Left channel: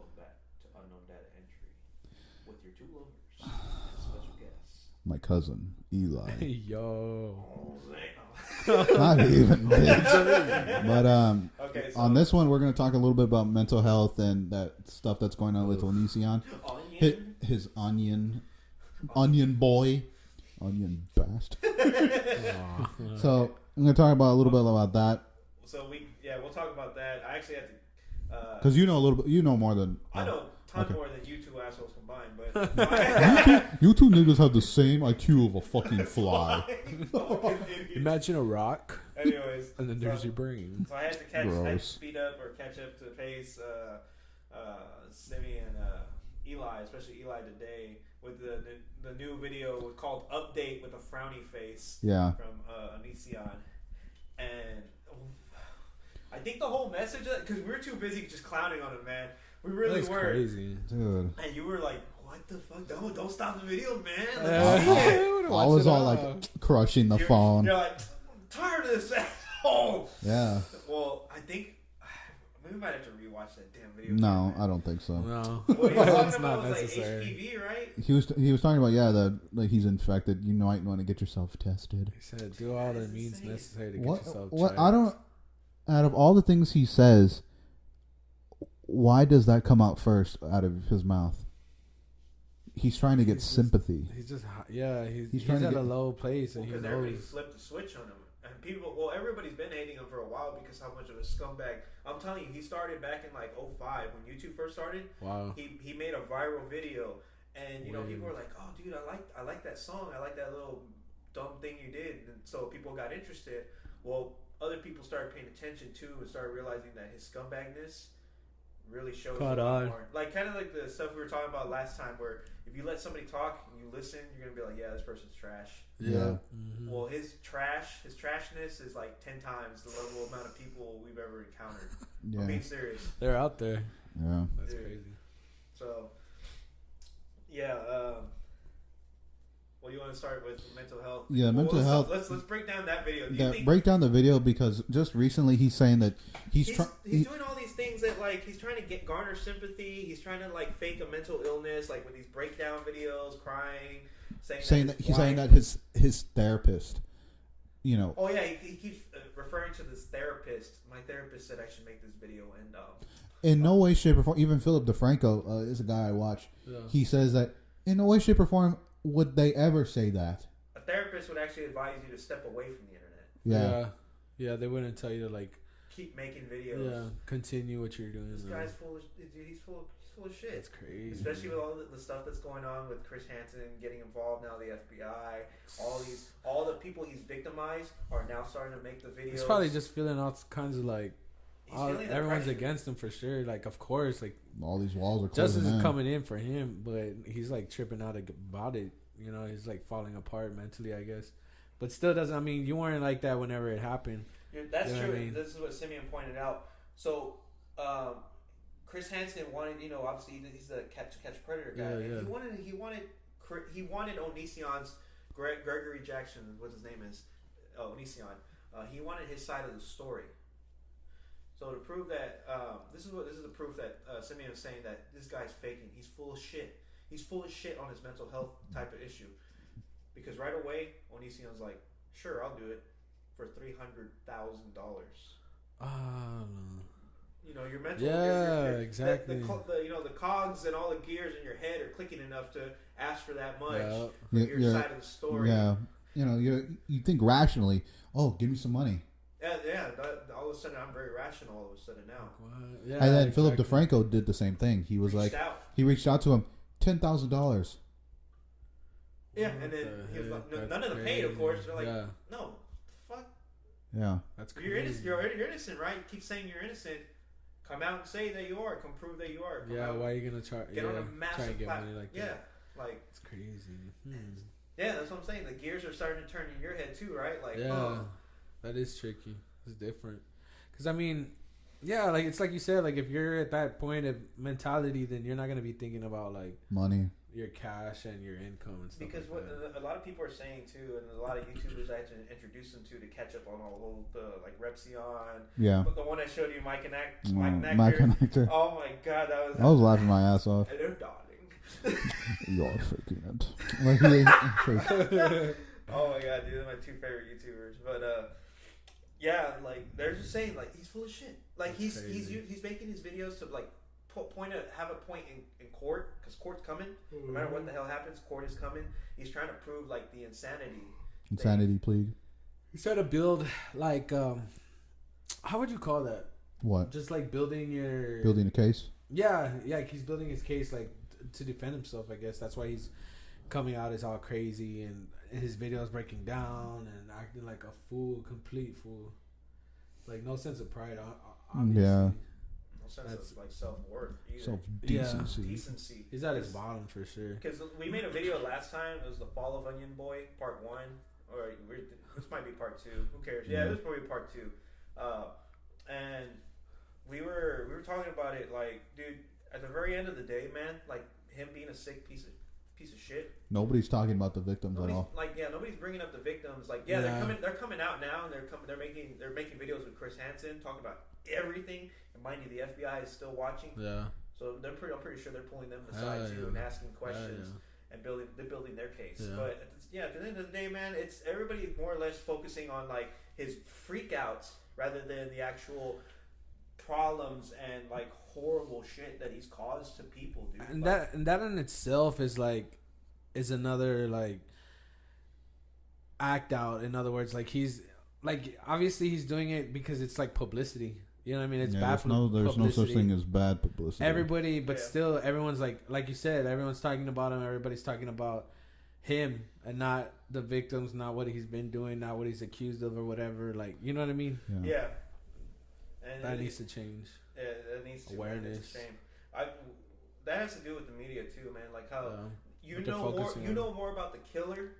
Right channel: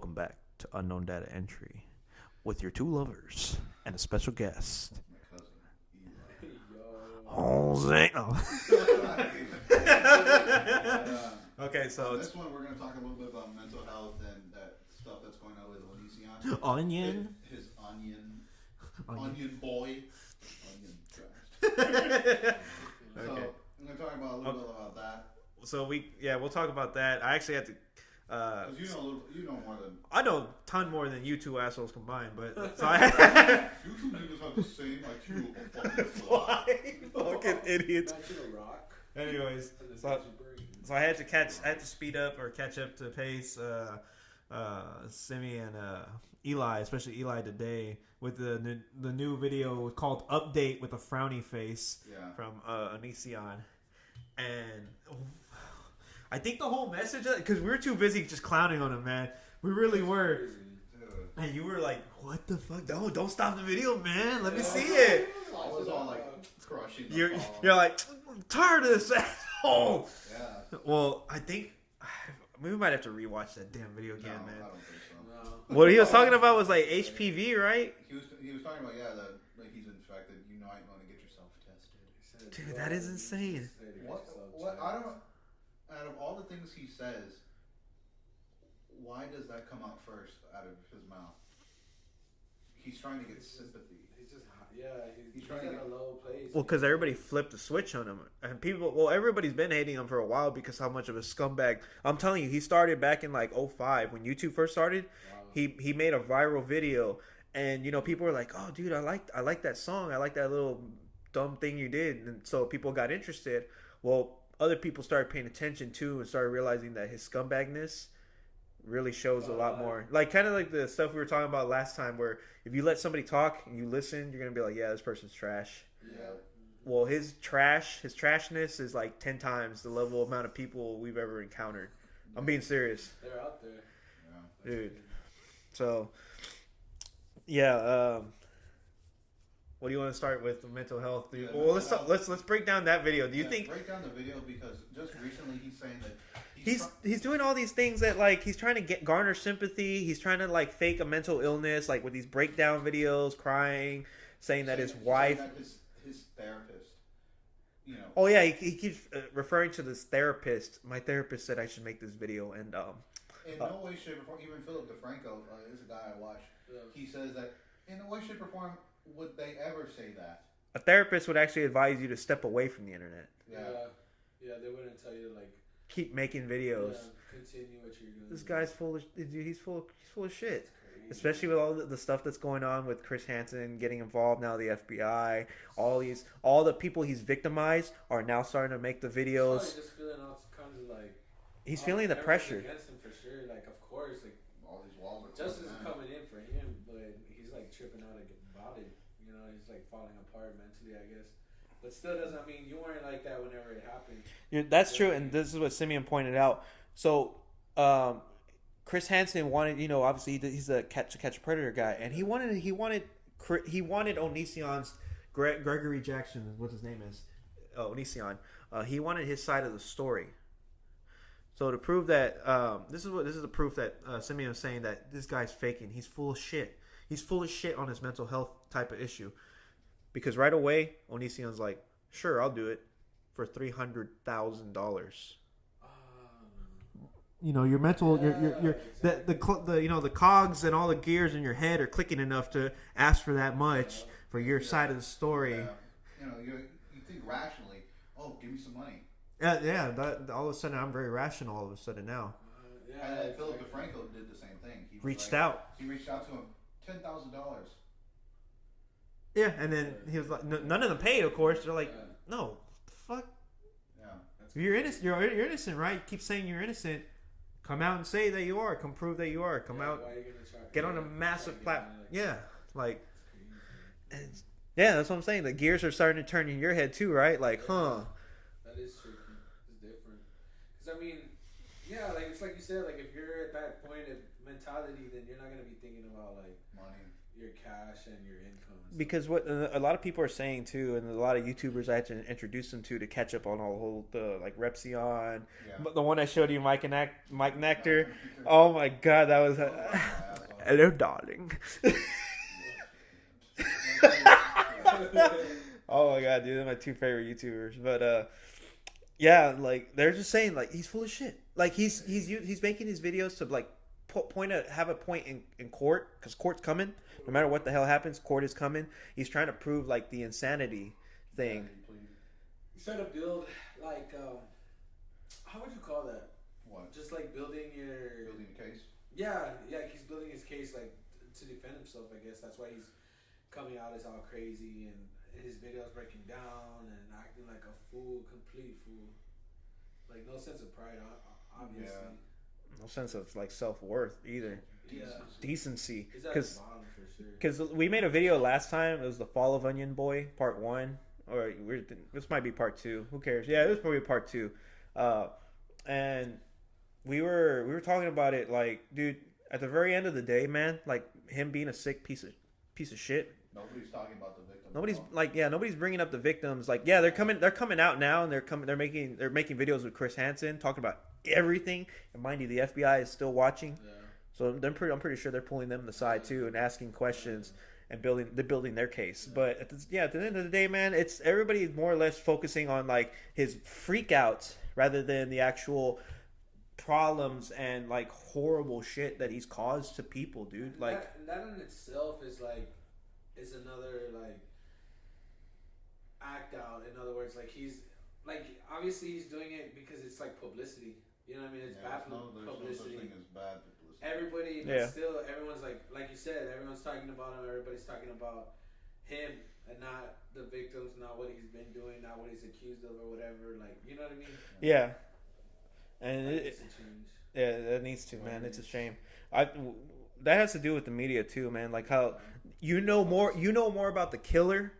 Welcome back to Unknown Data Entry with your two lovers and a special guest. My cousin, Eli. Yo. Jose. Oh. Not even, bitch. But Okay, so on this one, we're going to talk a little bit about mental health and that stuff that's going on with Onision. Onion. His onion boy. Onion blast. So I'm going to talk about a little bit about that. So we'll talk about that. I actually had to. Because you know a little bit, you know more than I know a ton more than you two assholes combined, but so you two niggas have the same IQ of a fucking fly. Fucking idiots. Imagine a rock. Anyways, and then there's your brain. So I had to Gross. speed up or catch up to pace. Simi and Eli, especially Eli today, with the new video called "Update" with a frowny face. Yeah. From Onision, and I think the whole message, because we were too busy just clowning on him, man. We really were. Crazy. Dude. And you were like, "What the fuck? Don't stop the video, man. Let me see it." I was all like crushing the phone. You're like, "I'm tired of this asshole." Yeah. Well, I think we might have to rewatch that damn video. No, again, I don't think so. No. What he was talking about was Not like necessary. HPV, right? He was talking about that like he's infected. You might want to get yourself tested. He said, Dude, do that all is the means insane. necessary to get What? yourself What? checked. I don't. Out of all the things he says, why does that come out first out of his mouth? He's trying to get sympathy. He's just, he's trying to at get- a low place. Well, and he because everybody knows. flipped the switch on him, and everybody's been hating him for a while because how much of a scumbag. I'm telling you, he started back in like 2005 when YouTube first started. Wow. He made a viral video, and Yeah. people were like, "Oh, dude, I like that song. I like that little dumb thing you did," and so people got interested. Well, other people started paying attention too and started realizing that his scumbagness really shows a lot more. Like kind of like the stuff we were talking about last time, where if you let somebody talk and you listen, you're gonna be like, "Yeah, this person's trash." Yeah. Yeah. Mm-hmm. Well, his trashness is like 10 times the level amount of people we've ever encountered. Yeah. I'm being serious. They're out there. Yeah. That's Dude. crazy. So, yeah. What do you want to start with? Mental health. Yeah, mental health. Let's break down that video. Do you think break down the video because just recently he's saying that he's doing all these things that like he's trying to garner sympathy. He's trying to like fake a mental illness, like with these breakdown videos, crying, saying that his he's wife. saying that his therapist, Oh yeah, he keeps referring to this therapist. My therapist said I should make this video, and in no way, shape, or form. Even Philip DeFranco is a guy I watch. Yeah. He says that in no way, shape, or form would they ever say that. a therapist would actually advise you to step away from the internet. Yeah. Yeah, they wouldn't tell you to like Keep making videos. continue what you're doing. This guy's full of he's full of shit. It's crazy. Especially with all the stuff that's going on with Chris Hansen getting involved now, the FBI, all the people he's victimized are now starting to make the videos. He's probably just feeling all kinds of like. He's feeling the everyone's pressure. against him for sure. Like, of course, like All these walls are justice closing is in. coming in for him, but he's like tripping out about it. You know, he's like falling apart mentally, I guess. But still doesn't. I mean, you weren't like that whenever it happened. Yeah, that's You know true, what I mean? and this is what Simeon pointed out. So, Chris Hansen wanted, obviously he's a catch predator guy, Yeah, and yeah. he wanted Onision's Gregory Jackson, what his name is, Onision. He wanted his side of the story. So to prove that, this is the proof that Simeon was saying that this guy's faking. He's full of shit. He's full of shit on his mental health type of issue. Because right away, Onision's like, "Sure, I'll do it for $300,000." Your mental, exactly. the cogs and all the gears in your head are clicking enough to ask for that much for your side of the story. Yeah. You think rationally. Oh, give me some money. All of a sudden, I'm very rational. All of a sudden now, Yeah, And then Philip DeFranco did the same thing. He was he reached out to him, $10,000. Yeah, and then he was like, none of them paid, of course. They're like, Yeah. no, the fuck. Yeah. That's You're innocent. You're innocent, right? Keep saying you're innocent. Come out and say that you are. Come prove that you are. Come out. Why are you gonna try? Get on a massive platform. Like it's crazy. yeah, that's what I'm saying. The gears are starting to turn in your head too, right? Like, Yeah, that is tricky. It's different. Because I mean, Yeah, like it's like you said, like if you're at that point of mentality, then you're not gonna be thinking about like money, your cash and your income and stuff. Because like what a lot of people are saying too, and a lot of YouTubers I had to introduce them to catch up on all the like Repsion. yeah. But the one I showed you, Mike Nectar. Mike Nectar. Oh my god, that was. I was laughing my ass off. Hello, darling. You're faking it. Oh my god, dude, they're my two favorite YouTubers. But yeah, like they're just saying like he's full of shit. Like he's making these videos to like have a point in court, because court's coming. No matter what the hell happens, court is coming. He's trying to prove like the insanity plea. He's trying to build like how would you call that? What? Just like building a case. Yeah. He's building his case like to defend himself. I guess that's why he's coming out as all crazy and his videos breaking down and acting like a fool, complete fool. Like no sense of pride. Obviously. Yeah. No sense of like self-worth either. Decency. He's at his bottom for sure. Because we made a video last time. It was the Fall of Onion Boy Part 1, or this might be Part 2. Who cares? Yeah, this is probably Part 2. And we were talking about it like, dude, at the very end of the day, man, like him being a sick piece of shit. Nobody's talking about the victims. Nobody's bringing up the victims. Like, they're coming out now, and they're making videos with Chris Hansen talking about everything. And mind you, the FBI is still watching. Yeah. So I'm pretty sure they're pulling them aside too and asking questions and building their case. Yeah. But at the end of the day, man, it's everybody more or less focusing on like his freakouts rather than the actual problems and like horrible shit that he's caused to people, dude. And like, that in itself is another like act out. In other words, like he's like obviously he's doing it because it's like publicity. You know what I mean? It's bad publicity. There's no such thing as bad publicity. Everybody, but still, everyone's like you said, everyone's talking about him. Everybody's talking about him and not the victims, not what he's been doing, not what he's accused of or whatever. Like, you know what I mean? Yeah. And that needs to change. Yeah, that needs to. Man, it's a shame. That has to do with the media too, man. Like how you know more about the killer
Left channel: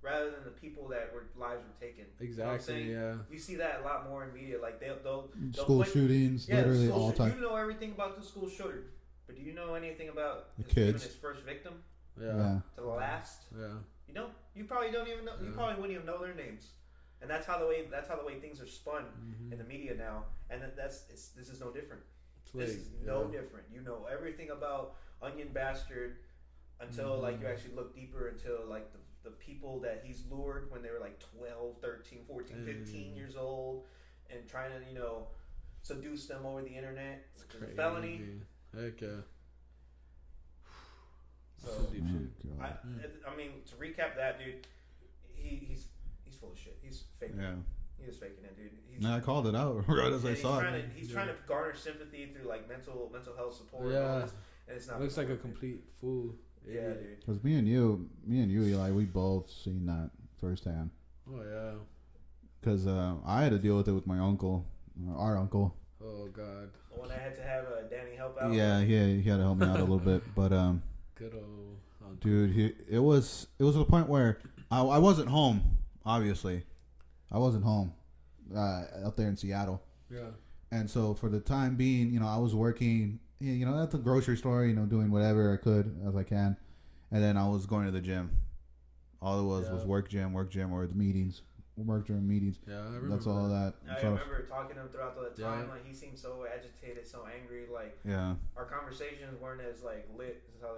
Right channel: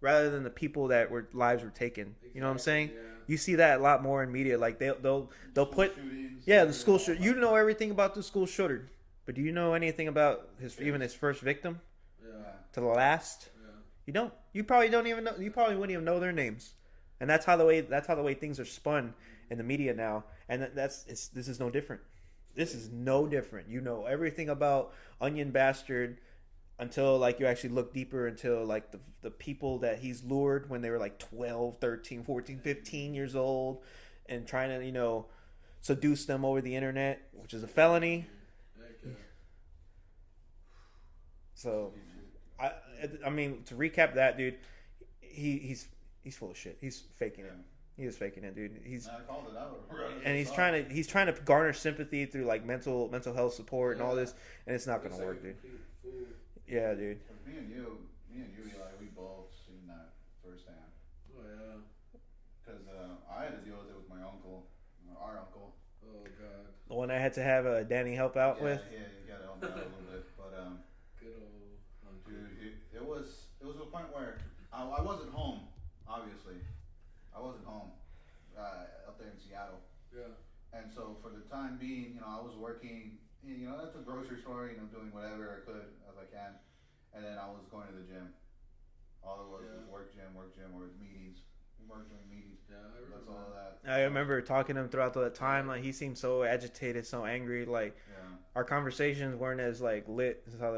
rather than the people that lives were taken. Exactly, you know what I'm saying? Yeah. You see that a lot more in media. Like they'll put shootings. Yeah, the school shooting. You know everything about the school shooter, but do you know anything about even his first victim? Yeah. To the last. Yeah. You don't. You probably don't even know. You probably wouldn't even know their names. And that's how the way things are spun in the media now. And this is no different. This is no different. You know everything about Onion Bastard until like you actually look deeper until like the people that he's lured when they were like 12, 13, 14, 15 years old and trying to, you know, seduce them over the internet, which is a felony. Heck yeah. So I mean, to recap that, dude, he's full of shit. He's faking it. He is faking it, dude. I called it out. Right as and he's trying to garner sympathy through like mental health support and all this, and it's not. Looks like a complete fool. Yeah, dude. Because me and you, Eli, we both seen that firsthand. Oh yeah. Because I had to deal with it with my uncle, our uncle. Oh god. The one I had to have Danny help out. Yeah, with. he had to help me out a little bit, but good old uncle. Dude, it was to the point where I wasn't home. Obviously, I wasn't home out there in Seattle. Yeah. And so for the time being, you know, I was working, you know, at the grocery store, you know, doing whatever I could as I can, and then I was going to the gym. All it was work, gym, or the meetings. Work during meetings. Yeah, I remember. That's all that. I remember talking to him throughout that time. Like he seemed so agitated, so angry. Like our conversations weren't as like lit as how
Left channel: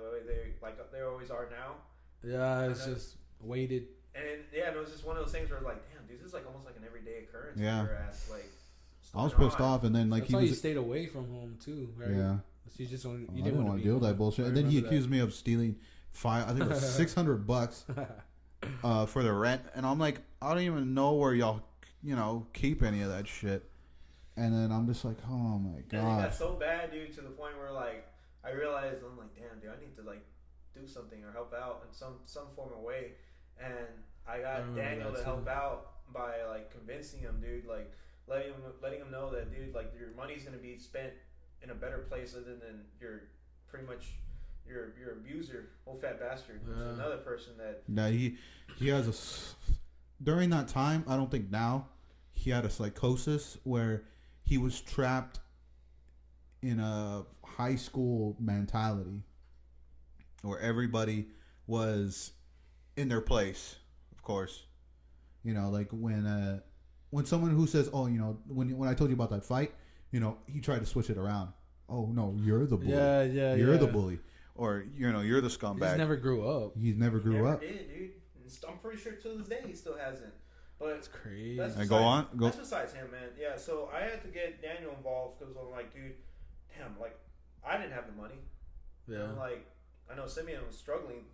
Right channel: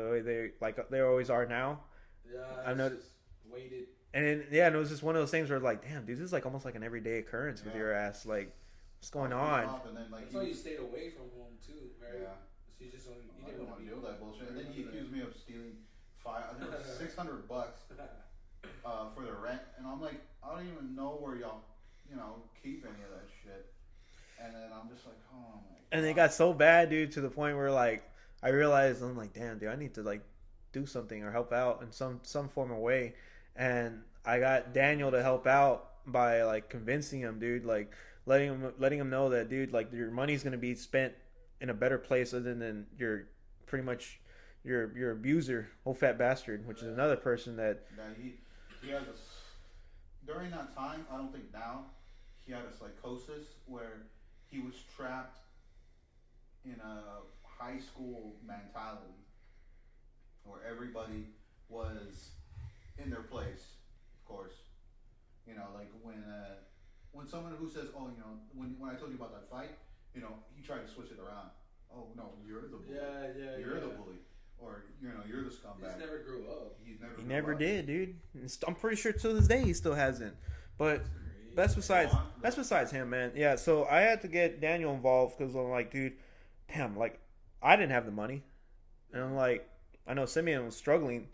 they always are now. Yeah, it's just weighted. And it was just one of those things where like, damn, dude, this is like almost like an everyday occurrence for your ass. Like, what's going on? I was pissed off, and then like that's why you stayed away from home too, right? Yeah. So you just you didn't want to deal with that bullshit. And then he accused me of stealing I think it was $600 for the rent, and I'm like, I don't even know where y'all, you know, keep any of that shit. And then I'm just like, oh my god. And it got so bad, dude, to the point where like I realized I'm like, damn, dude, I need to like do something or help out in some form of way. And I got Daniel to help out by like convincing him, dude, like letting him know that, dude, like your money's gonna be spent in a better place other than your pretty much your abuser, old fat bastard, which is another person that. No, he has during that time. I don't think now he had a psychosis where he was trapped in a high school mentality where everybody was in their place, of course. You know, like when someone who says, "Oh, you know, when I told you about that fight, you know, he tried to switch it around. Oh no, you're the bully. You're the bully, or you know, you're the scumbag." He just never grew up. He never grew up. Did, dude. I'm pretty sure to this day he still hasn't. But That's crazy. that's that's besides him, man. Yeah. So I had to get Daniel involved because I'm like, dude, damn, like I didn't have the money, and I'm like, I know Simeon was struggling.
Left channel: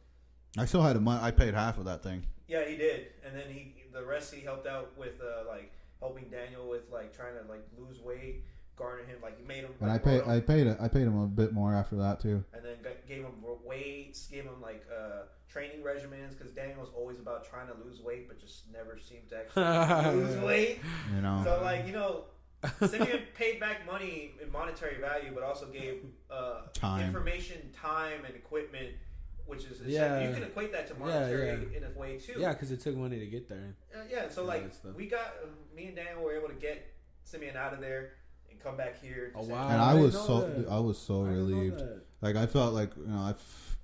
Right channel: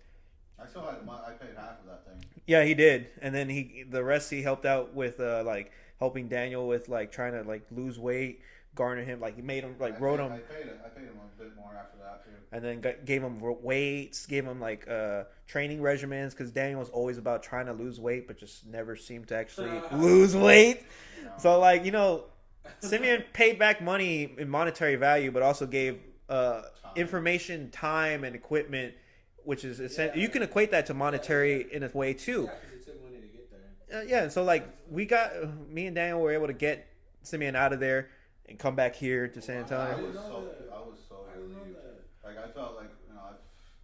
I still had I paid half of that thing. Yeah, he did, and then the rest he helped out with like helping Daniel with like trying to like lose weight, garner him, like he made him like I paid him a bit more after that too, and then gave him weights, gave him like training regimens because Daniel was always about trying to lose weight, but just never seemed to actually lose weight. You know, so like Simeon paid back money in monetary value, but also gave information, time, and equipment. Which is you can equate that to monetary in a way too. Yeah, because it took money to get there. Yeah, so like we got me and Daniel were able to get Simeon out of there and come back here to San Antonio. And I was so relieved. Like I felt like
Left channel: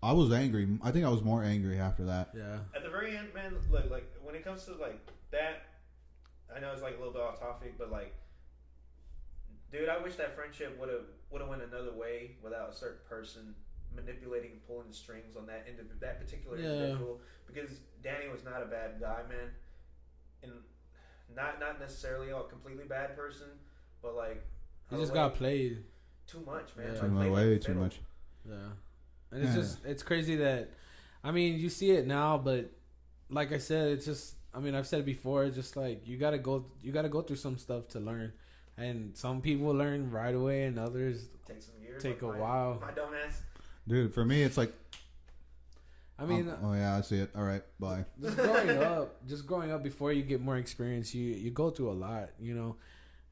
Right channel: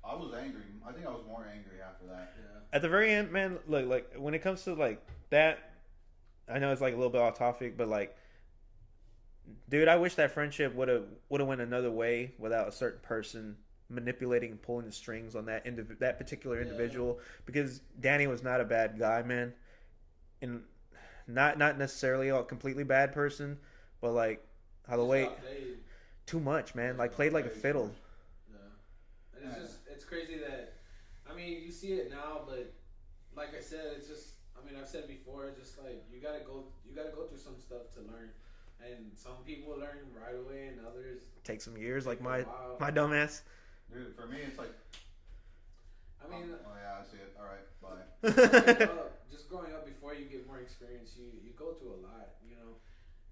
I was angry. I think I was more angry after that. Yeah. At the very end, man, look, like when it comes to like that, I know it's like a little bit off topic, but like, dude, I wish that friendship would have went another way without a certain person manipulating and pulling the strings on that that particular individual, because Danny was not a bad guy, man, and not necessarily a completely bad person, but like how the way got played too much, man, like played like a fiddle. Yeah, and it's crazy that, I mean, you see it now, but like I said, it's just, I mean, I've said before, it's just like you gotta go through some stuff to learn. And some people learn right away, and others take some years, like my dumbass. Dude, for me, it's like, I mean, oh yeah, I see it. All right, bye. Just growing up before you get more experience, you go through a lot, you know,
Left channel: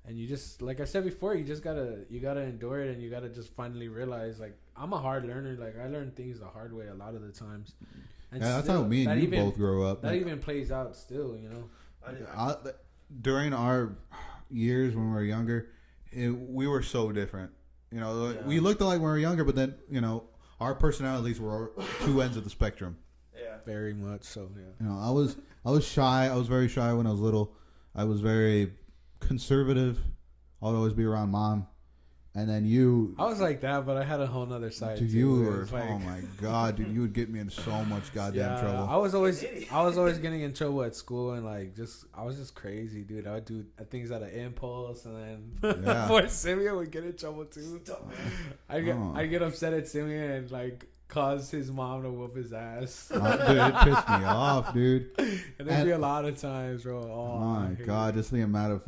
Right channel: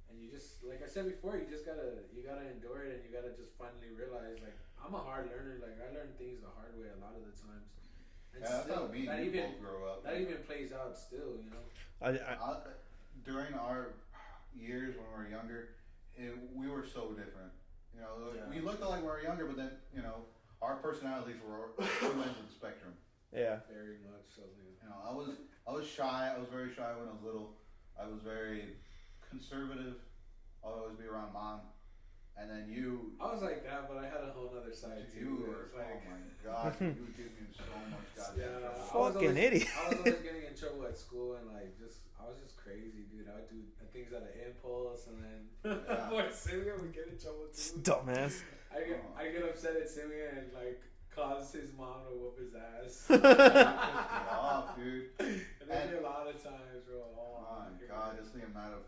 and you just, like I said before, you gotta endure it, and you gotta just finally realize, like, I'm a hard learner. Like, I learn things the hard way a lot of the times. And yeah, that's how me and you both grow up. That even plays out still, you know. During our years when we were younger, we were so different. You know, we looked alike when we were younger, but then, you know, our personalities were two ends of the spectrum. Yeah, very much so. Yeah. You know, I was shy. I was very shy when I was little. I was very conservative. I would always be around mom. And then you... I was like that, but I had a whole other side. Dude, you were... Like, oh, my God. Dude, you would get me in so much goddamn trouble. I was always getting in trouble at school, and, like, I was just crazy, dude. I would do things out of impulse, and then... Poor Simeon would get in trouble, too. Dumbass. I'd get upset at Simeon and, like, cause his mom to whoop his ass. Dude, it pissed me off, dude. And there'd be a lot of times, bro. Oh, my God. Just the amount of...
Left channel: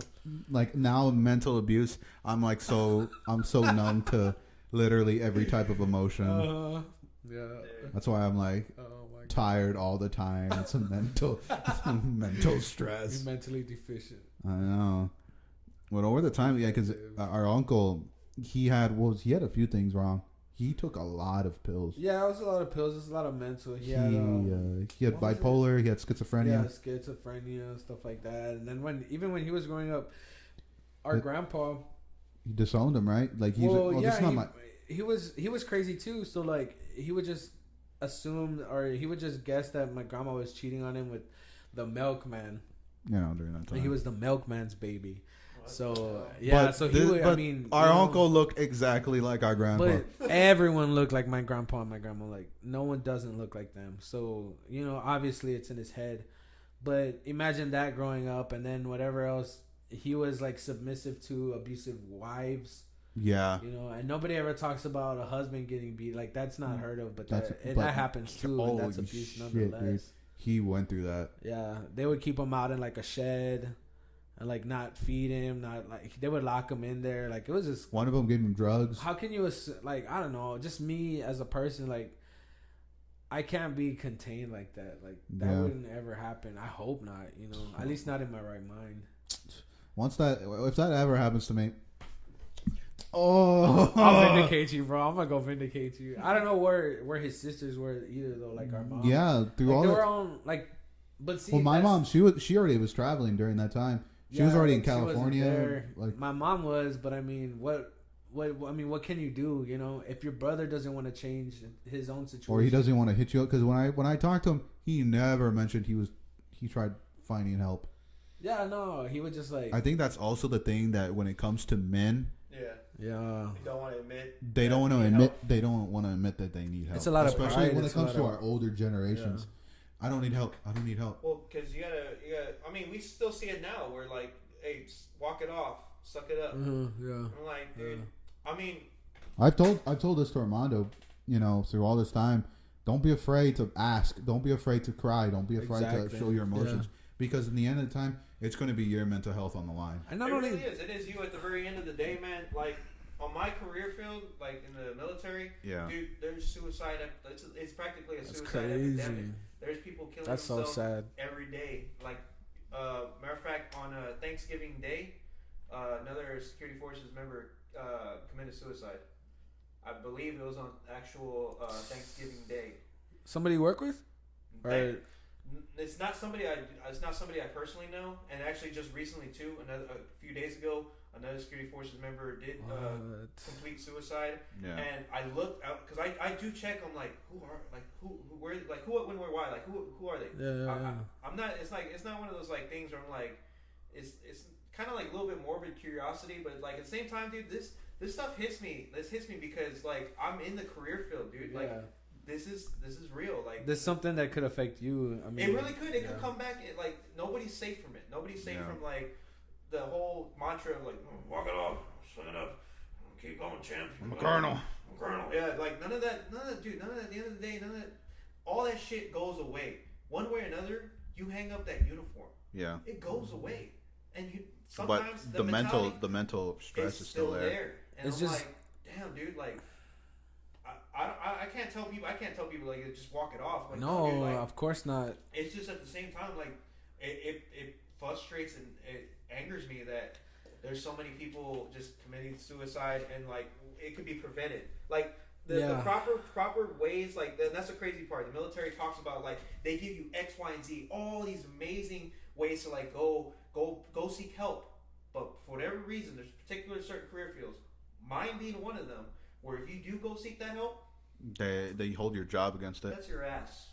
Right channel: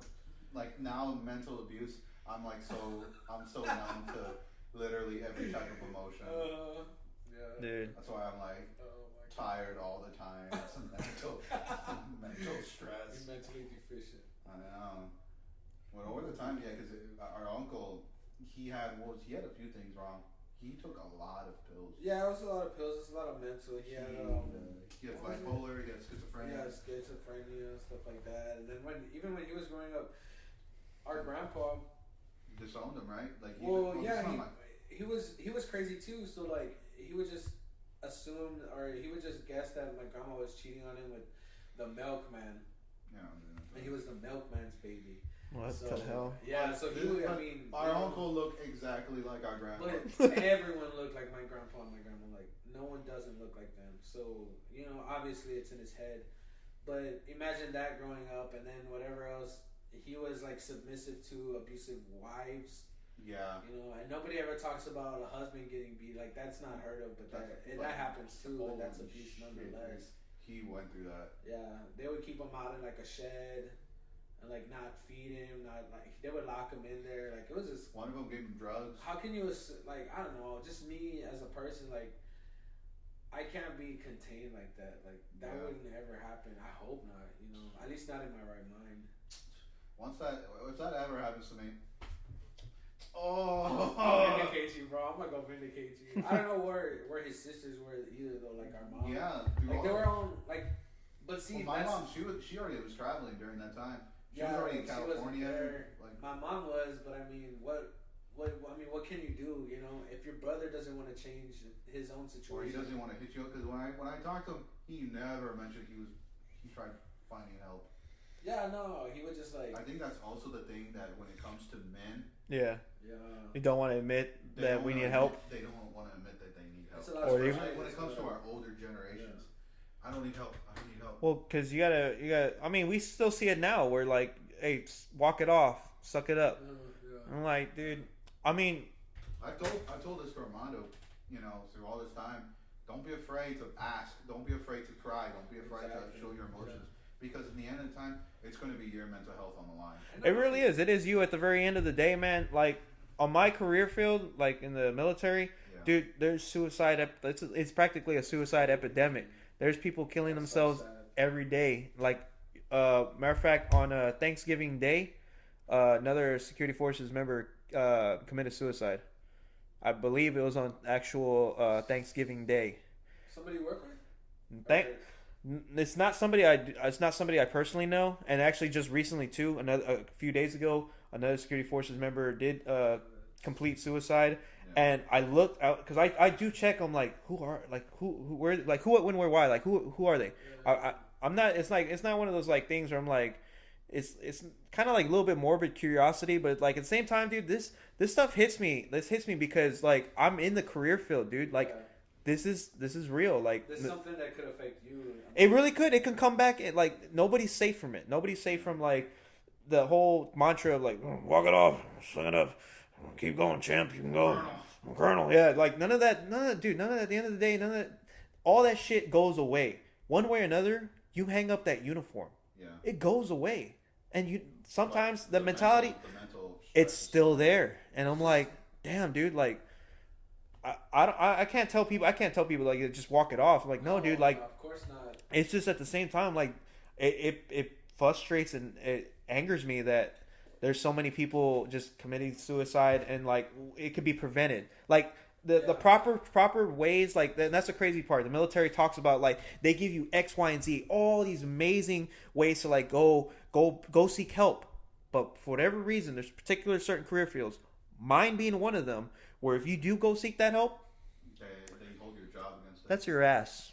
Like, now mental abuse, I'm so numb to literally every type of emotion. Yeah. Dude. That's why I'm like tired all the time. It's a mental stress. You're mentally deficient. I know. But over the time, yeah, because our uncle, he had a few things wrong. He took a lot of pills. Yeah, it was a lot of pills. It was a lot of mental. He had bipolar. He had schizophrenia. Yeah, schizophrenia, stuff like that. And then when he was growing up, our grandpa, he disowned him, right? Like he was crazy too. So like he would just assume, or he would just guess that my grandma was cheating on him with the milkman. You know, during that time. And he was the milkman's baby. What so yeah, but so he would. I mean, our uncle looked exactly like our grandpa. But everyone looked like my grandpa and my grandma. Like no one doesn't look like them. So you know, obviously it's in his head. But imagine that growing up, and then whatever else, he was like submissive to abusive wives. Yeah, you know, and nobody ever talks about a husband getting beat. Like that's not heard of, but that happens too. And that's abuse nonetheless. Dude. He went through that. Yeah, they would keep him out in like a shed. And like not feed him, not like they would lock him in there. Like it was just one of them gave him drugs. How can you like I don't know? Just me as a person, like I can't be contained like that. Like that wouldn't ever happen. I hope not. You know, at least not in my right mind. If that ever happens to me, I'll vindicate you, bro. I'm gonna go vindicate you. I don't know where his sisters were either though. Like our mom. Yeah, through all they were on like. But see, well, my mom, she already was traveling during that time. She was already in California. Like my mom was, but I mean, what what can you do? You know, if your brother doesn't want to change his own situation, or he doesn't want to hit you up, because when I talked to him, he never mentioned he tried finding help. Yeah, no, he was just like. I think that's also the thing that when it comes to men, yeah, you don't want to admit. They don't want to admit. They don't want to admit that they need help. It's a lot of especially pride. when it comes to our older generations. Yeah. I don't need help. Well, because you gotta. I mean, we still see it now. Where like, hey, walk it off, suck it up. Yeah. I'm like, dude. I mean, I've told this to Armando. You know, through all this time, don't be afraid to ask. Don't be afraid to cry. Don't be afraid to show your emotions. Yeah. Because in the end of the time, it's going to be your mental health on the line. It really is. It is you at the very end of the day, man. Like, on my career field, like in the military, dude, there's suicide. It's practically a suicide epidemic. There's people killing themselves every day. Like, matter of fact, on Thanksgiving Day, another security forces member committed suicide. I believe it was on actual Thanksgiving Day. Somebody you work with? It's not somebody I personally know, and actually just recently too. A few days ago, another security forces member did complete suicide, and I looked out because I do check on like who where like who, what, when, where, why, like who are they? I'm not. It's not one of those like things where I'm like, it's kind of like a little bit morbid curiosity, but like at the same time, dude, this stuff hits me. This hits me because like I'm in the career field, dude. Like. This is real. Like there's something that could affect you. I mean, it really could. It can come back. Like nobody's safe from it. Nobody's safe from like the whole mantra of like walk it off, suck it up, keep going, champ. You can go, Colonel. Yeah, like none of that, dude. None of that. At the end of the day, none of that. All that shit goes away one way or another. You hang up that uniform. Yeah, it goes away, and you sometimes the mentality, the mental, it's still there. And I'm like, damn, dude, like. I can't tell people. Like just walk it off. I'm like no, dude. Like of course not. It's just at the same time like it frustrates and it angers me that there's so many people just committing suicide and like it could be prevented. Like the proper ways. Like that's the crazy part. The military talks about like they give you X, Y, and Z, all these amazing ways to like go seek help. But for whatever reason, there's particular certain career fields. Mine being one of them. Where if you do go seek that help, they hold your job against it. That's your ass.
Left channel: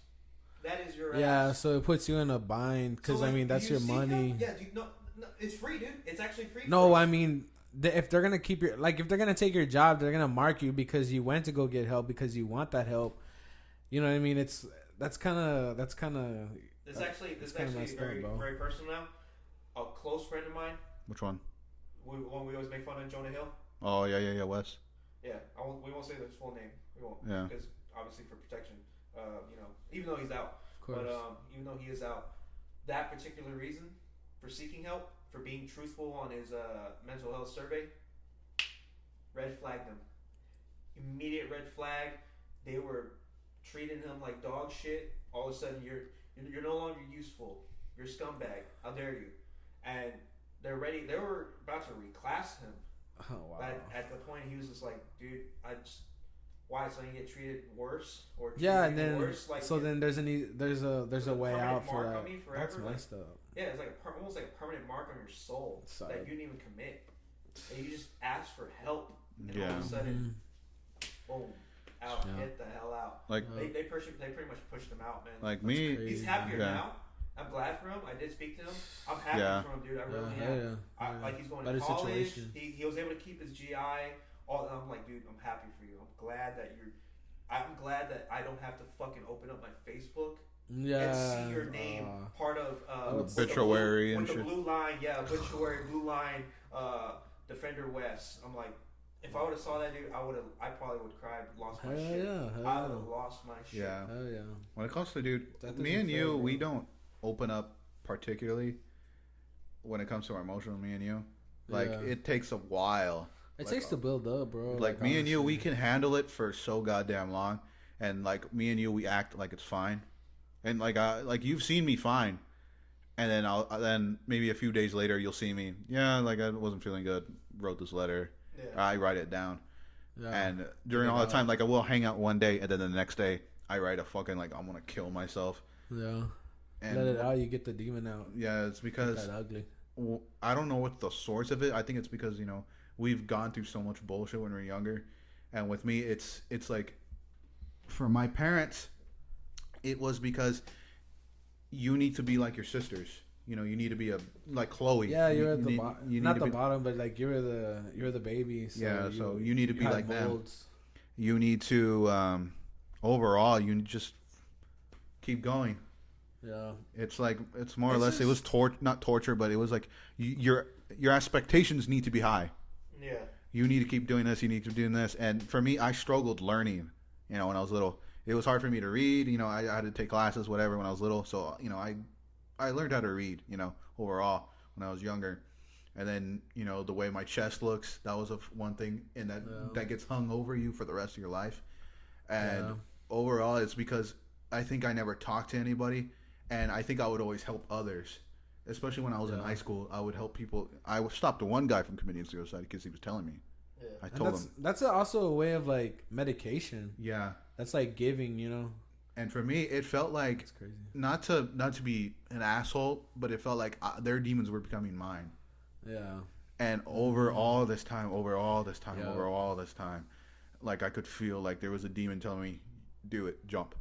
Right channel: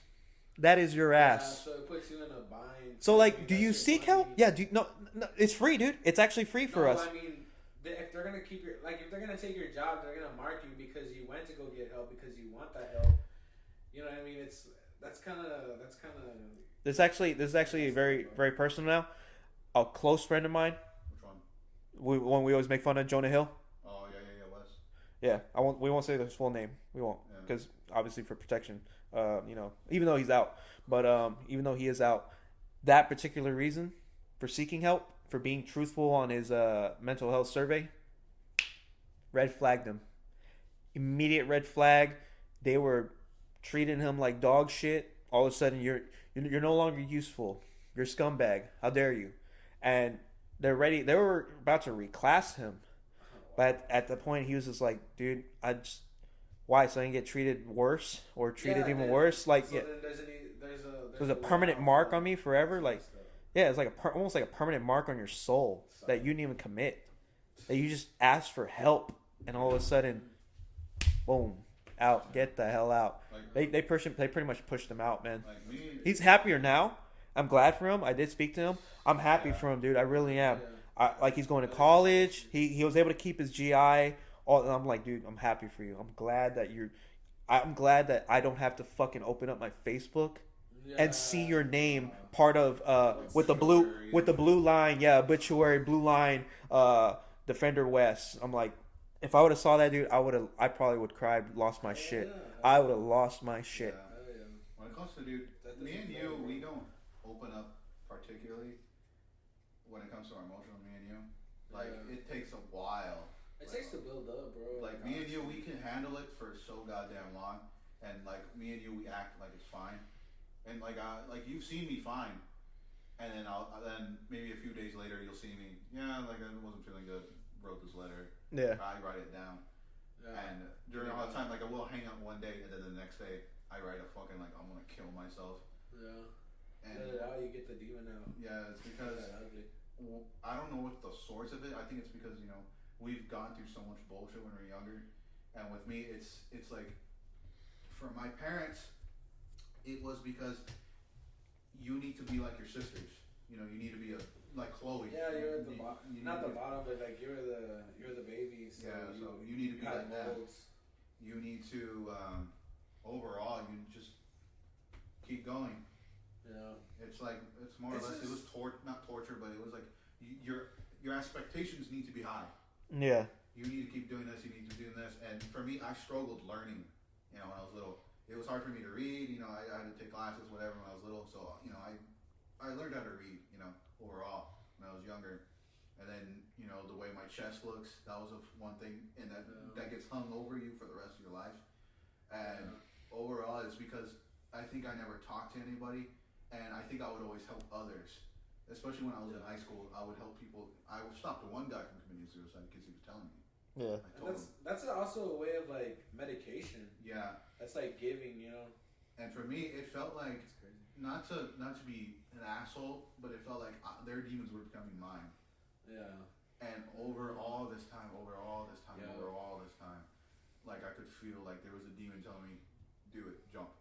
That is your ass. Yeah, so it puts you in a bind. So like, do you seek help? Yeah, no, it's free, dude. It's actually free. No, for us. I mean, if they're gonna keep if they're gonna take your job, they're gonna mark you because you went to go get help because you want that help. You know what I mean? That's kind of. This is actually very very personal now. A close friend of mine. Which one? We always make fun of Jonah Hill. Oh yeah, Wes. Yeah, we won't say his full name. We won't, because obviously for protection, even though he's out, but even though he is out, that particular reason for seeking help, for being truthful on his mental health survey, red flagged him. Immediate red flag. They were treating him like dog shit. All of a sudden, you're no longer useful. You're a scumbag. How dare you? And they were about to reclass him. Oh, wow. But at the point, he was just like, dude, why? So I can get treated worse or treated even worse? Like, so then there's a permanent mark on me forever. Like, it's like almost like a permanent mark on your soul that you didn't even commit. That you just asked for help, and all of a sudden, boom, out. Yeah. Get the hell out. Like they pretty much pushed him out, man. Like me, he's happier now. I'm glad for him. I did speak to him. I'm happy for him, dude. I really am. Like he's going to college. He was able to keep his GI. I'm like, dude, I'm happy for you. I'm glad that I don't have to fucking open up my Facebook and see your name part of with the blue line. Yeah, obituary, blue line, Defender West. I'm like, if I would have saw that, dude, I probably would cry, lost my shit. I would have lost my shit. Yeah. When it comes to, dude, me and you, we don't open up particularly when it comes to our emotional. Me and you, like it takes a while. It takes to build up, bro. Like me and you, we can handle it for so goddamn long, and like me and you, we act like it's fine, and like you've seen me fine, and then then maybe a few days later you'll see me. Yeah, like I wasn't feeling good. Wrote this letter. Yeah, I write it down, and during all the time, like I will hang out one day, and then the next day I write a fucking like I'm gonna kill myself. Yeah. And let it out. You get the demon out. Yeah, it's because that ugly. I don't know what the source of it. I think it's because we've gone through so much bullshit when we were younger, and with me, it's like, for my parents, it was because you need to be like your sisters. You know, you need to be like Chloe. Yeah, you're at the not the be, bottom, but like you're the baby. So so you need to be like them. molds. You need to overall, you just keep going. Yeah, it's like it's more or less. It was not torture, but it was like your expectations need to be high. Yeah, you need to keep doing this. You need to be doing this. And for me, I struggled learning. You know, when I was little, it was hard for me to read. You know, I had to take classes, whatever, when I was little. So you know, I learned how to read. You know, overall when I was younger. And then, you know, the way my chest looks, that was one thing, and that gets hung over you for the rest of your life. And overall, it's because I think I never talked to anybody, and I think I would always help others. Especially when I was in high school, I would help people. I stopped one guy from committing suicide because he was telling me. Yeah, I told him. That's also a way of like medication. Yeah, that's like giving, you know. And for me, it felt like not to be an asshole, but it felt like their demons were becoming mine. Yeah. And over all this time, like I could feel like there was a demon telling me, do it, jump.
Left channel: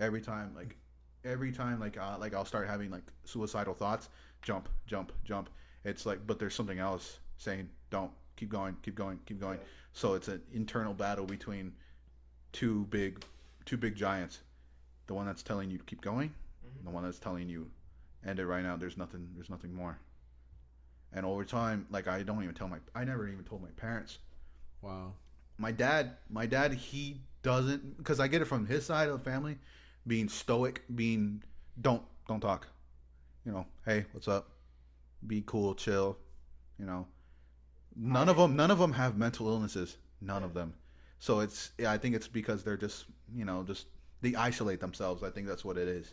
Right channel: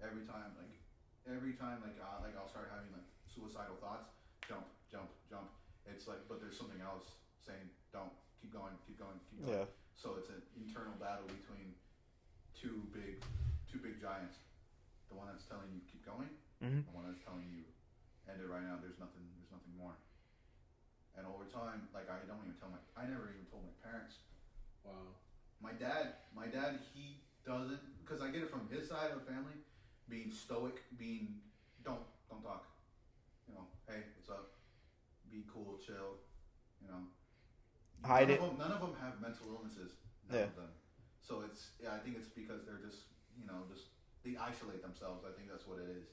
Every time, I'll start having like suicidal thoughts, jump. It's like, but there's something else saying, don't, keep going. Yeah. So it's an internal battle between two big giants. The one that's telling you to keep going, the one that's telling you end it right now. There's nothing more. And over time, like I never even told my parents. Wow. My dad, he doesn't, because I get it from his side of the family, being stoic, being don't talk. You know, hey, what's up? Be cool, chill. You know, none of them have mental illnesses. None of them. So I think it's because they're just, you know, they isolate themselves. I think that's what it is.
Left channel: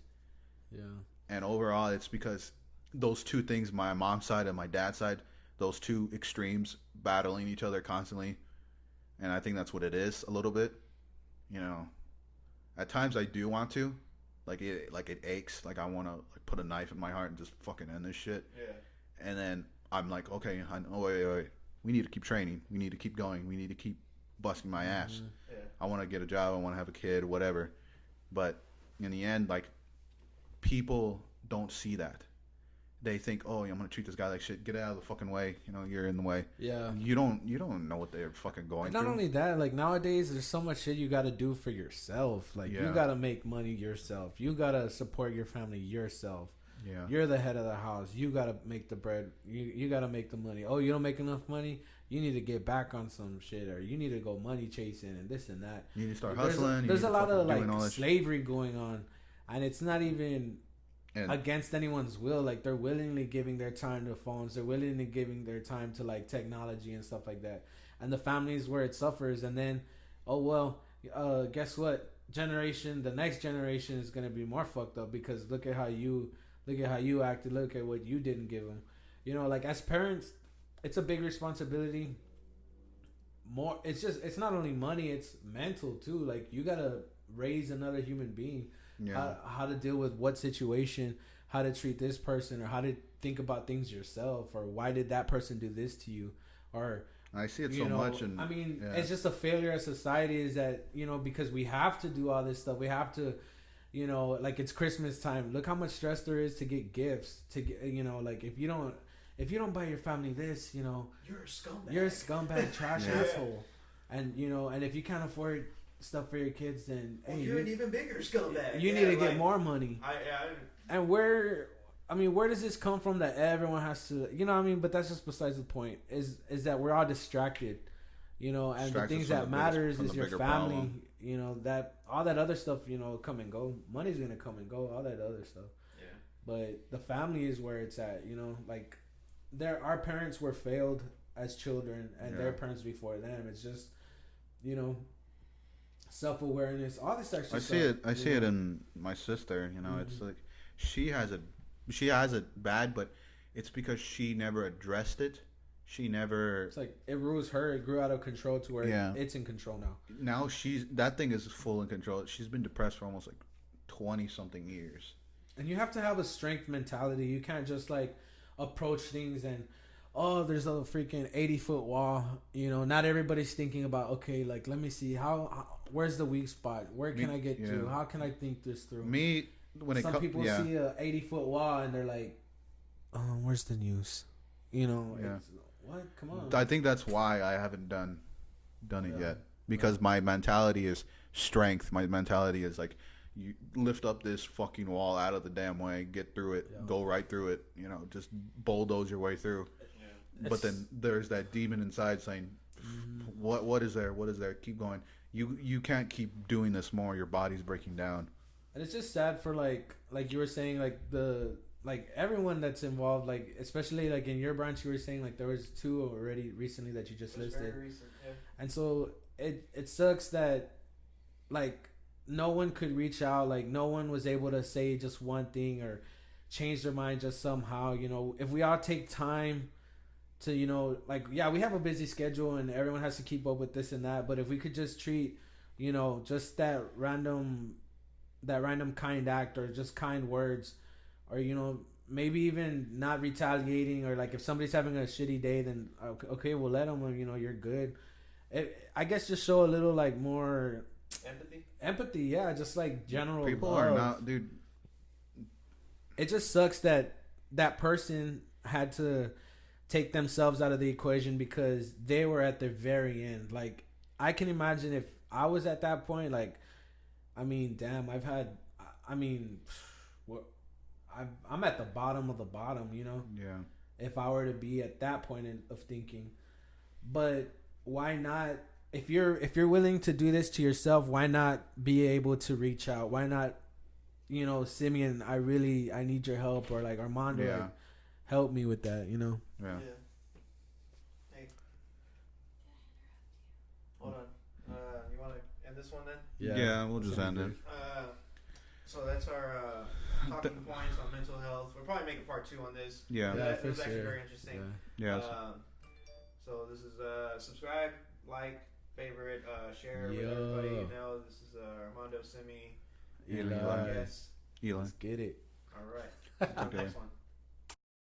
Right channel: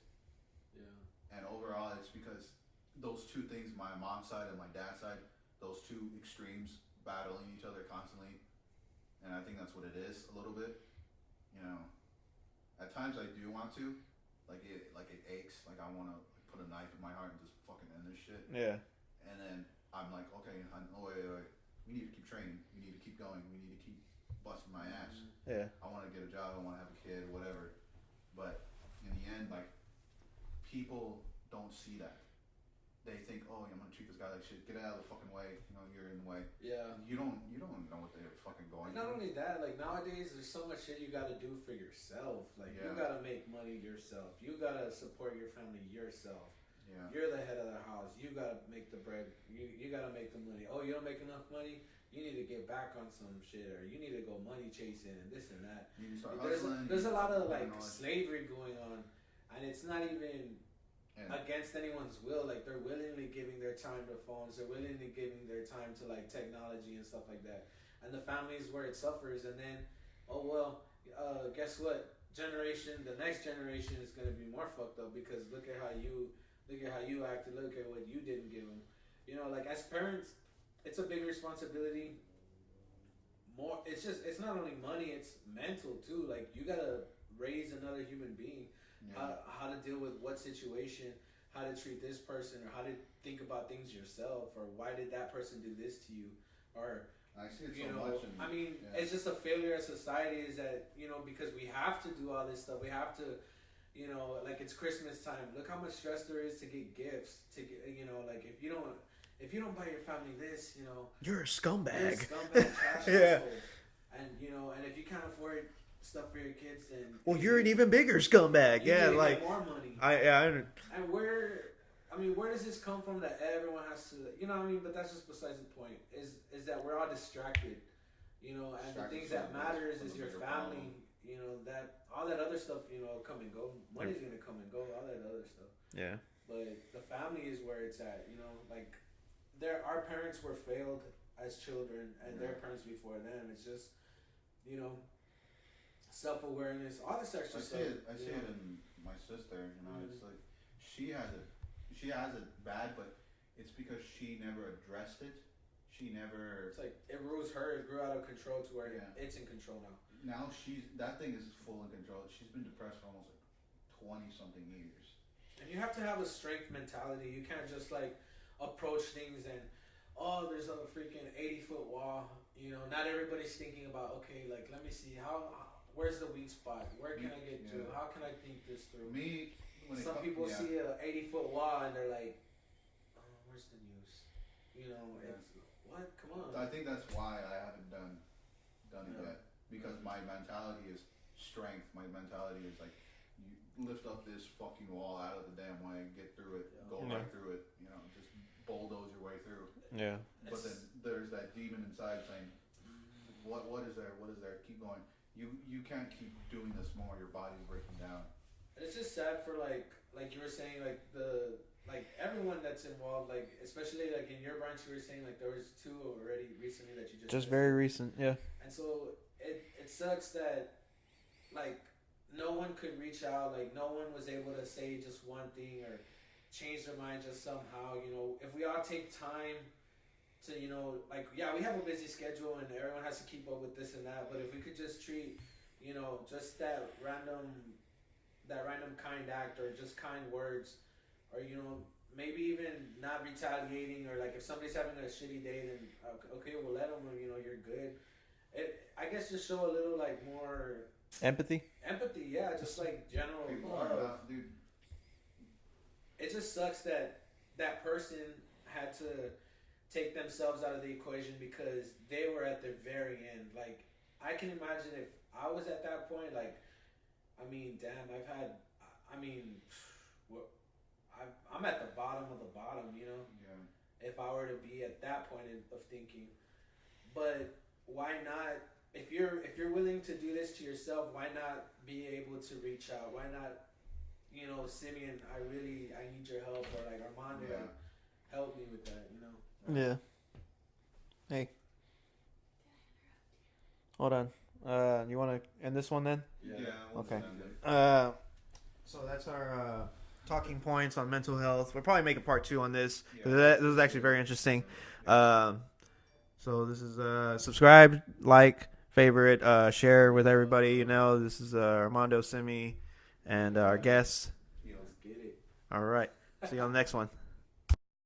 Yeah. And overall, it's because those two things, my mom's side and my dad's side, those two extremes battling each other constantly. And I think that's what it is a little bit. You know, at times I do want to, like it aches. Like I want to put a knife in my heart and just fucking end this shit. Yeah. And then I'm like, okay, wait. We need to keep training. We need to keep going. We need to keep busting my ass. Yeah. I want to get a job. I want to have a kid, whatever. But in the end, like, people don't see that. They think, oh, I'm gonna treat this guy like shit. Get out of the fucking way. You know, you're in the way. Yeah. You don't know what they're fucking going through. Not only that, like nowadays, there's so much shit you got to do for yourself. Like you got to make money yourself. You got to support your family yourself. Yeah. You're the head of the house. You got to make the bread. You got to make the money. Oh, you don't make enough money? You need to get back on some shit, or you need to go money chasing and this and that. You need to start hustling. There's a lot of like slavery going on, and it's not even against anyone's will. Like they're willingly giving their time to phones. They're willingly giving their time to like technology and stuff like that. And the families where it suffers, and then, oh well, guess what? The next generation is gonna be more fucked up because look at how you acted. Look at what you didn't give them. You know, like as parents, it's a big responsibility. It's not only money, it's mental too. Like you gotta raise another human being. Yeah. How to deal with what situation, how to treat this person, or how to think about things yourself, or why did that person do this to you, or I see it so much. And I mean, it's just a failure as society. Is that because we have to do all this stuff, we have to. Like it's Christmas time. Look how much stress there is to get gifts. To get, like if you don't buy your family this, you're a scumbag. You're a scumbag, trash asshole. And and if you can't afford stuff for your kids, then you're an even bigger scumbag. You need to get more money. And where does this come from that everyone has to? But that's just besides the point. Is that we're all distracted, and the things that matters is your family. Problem. That all that other stuff, come and go. Money's gonna come and go. All that other stuff. Yeah. But the family is where it's at. Like our parents were failed as children, and their parents before them. It's just, self-awareness. All this stuff. I see it in my sister. It's like she has it bad, but it's because she never addressed it. She never. It's like it rules her. It grew out of control to where it's in control now. Now that thing is full in control. She's been depressed for almost like 20-something years. And you have to have a strength mentality. You can't just like approach things and, oh, there's a freaking 80-foot wall. You know, not everybody's thinking about, okay, like, let me see how where's the weak spot? Where can I get to? How can I think this through? Some people see a 80-foot wall and they're like, oh, where's the news? You know, what? Come on. I think that's why I haven't done it yet, because my mentality is strength. My mentality is like, you lift up this fucking wall out of the damn way, get through it, go right through it. You know, just bulldoze your way through. Yeah. But then there's that demon inside saying, "What is there? What is there? Keep going. You can't keep doing this more. Your body's breaking down." And it's just sad for like you were saying, like everyone that's involved, like especially like in your branch, you were saying like there was 2 already recently that you just very recent, yeah. And so it sucks that like no one could reach out, like no one was able to say just one thing or change their mind just somehow. You know, if we all take time to, you know, like, yeah, we have a busy schedule and everyone has to keep up with this and that, but if we could just treat, you know, just that random kind act or just kind words, or, you know, maybe even not retaliating, or like if somebody's having a shitty day, then okay, we'll let them, you know, you're good. I guess just show a little like more empathy, yeah, just like general people love. Are not, dude. It just sucks that that person had to take themselves out of the equation because they were at the very end. Like, I can imagine if I was at that point, like, I mean, damn, I'm at the bottom of the bottom, you know? Yeah. If I were to be at that point of thinking. But why not, if you're willing to do this to yourself, why not be able to reach out? Why not, you know, Simeon, I need your help, or like Armando, like, help me with that, you know? Yeah. Hey. Hold on. You want to end this one then? Yeah, we'll just end it. So that's our talking points on mental health. We'll probably make a part 2 on this. Yeah. This is actually very interesting. Yeah. So this is subscribe, like, favorite, share with everybody. You know, this is Armando, Simi, and our guest. Elon. Let's get it. All right. See you on the next one.